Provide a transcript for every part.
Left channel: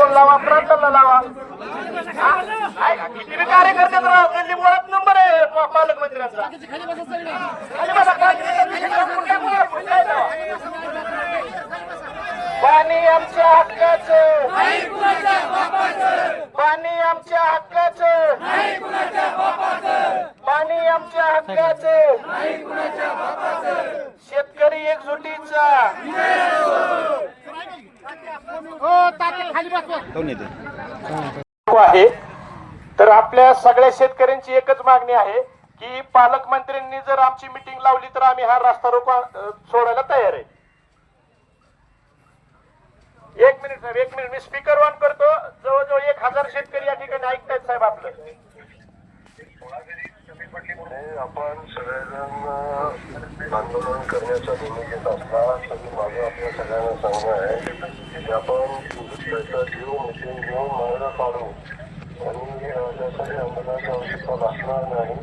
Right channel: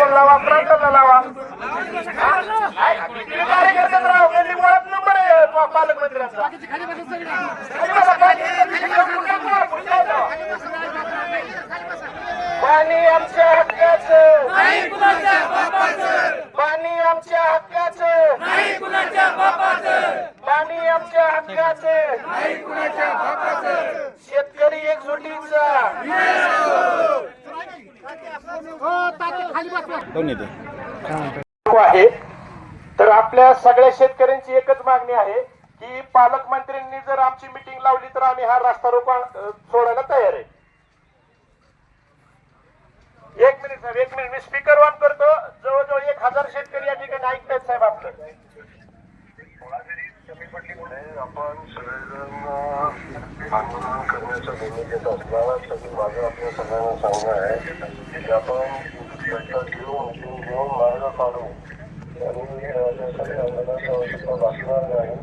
Phone लावा, प्रयत्न लावा. किती कार्यकर्ते राव, त्यांनी मुळात नंबर आहे पालकमंत्र्यांचा. पाणी आमच्या हक्काचं, पाणी आमच्या हक्काचं, पाणी आमच्या हक्काचं, शेतकरी एकजुटीचा आहे. तर आपल्या सगळ्या शेतकऱ्यांची एकच मागणी आहे की पालकमंत्र्यांनी जर आमची मिटिंग लावली तर आम्ही हा रास्ता रोको सोडायला तयार आहे. एक मिनिट साहेब, एक मिनिट, मी स्पीकर ऑन करतो. जवळजवळ 1000 शेतकरी या ठिकाणी ऐकतायत साहेब आपलं. आपण सगळेजण आंदोलन करण्याचा भूमिकेत असला तरी माझं आपल्या सगळ्यांना सांगणं आहे की आपण घेऊन मार्ग काढू आणि त्यासाठी आंदोलनाची आवश्यकता भासणार नाही.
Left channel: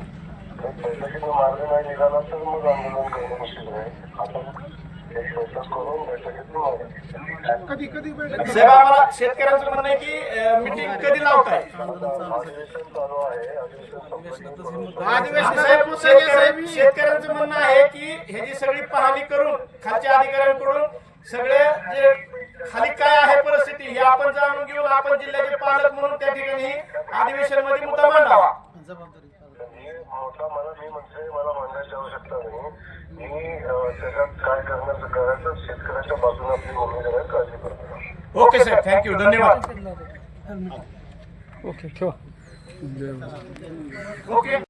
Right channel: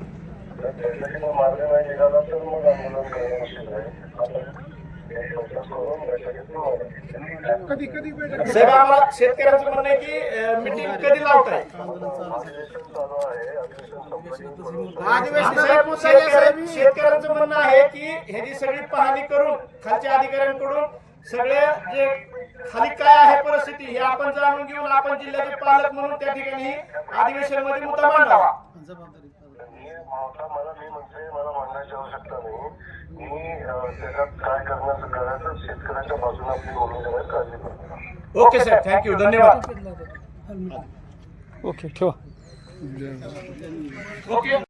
तर त्यासाठी मार्ग नाही निघाला तर मग आंदोलन करणं मुश्किल आहे. आपण साहेब आम्हाला शेतकऱ्यांचं म्हणणं आहे की मीटिंग कधी लावताय? शेतकऱ्यांचं म्हणणं आहे की ह्याची सगळी पाहणी करून खालच्या अधिकाऱ्यांकडून सगळे जे खाली काय आहे परिस्थिती हे आपण जाणून घेऊन आपण जिल्ह्याचे पालक म्हणून त्या ठिकाणी अधिवेशन मध्ये मुद्दा मांडावा. मला मांडण्याची आवश्यकता नाही. मी त्याच्यात काय करण्याचं करायचं शेतकऱ्याच्या बाजूने आपली भूमिका काळजी करतो. ओके साहेब, थँक्यू, धन्यवाद. ओके ठेवा. ओके.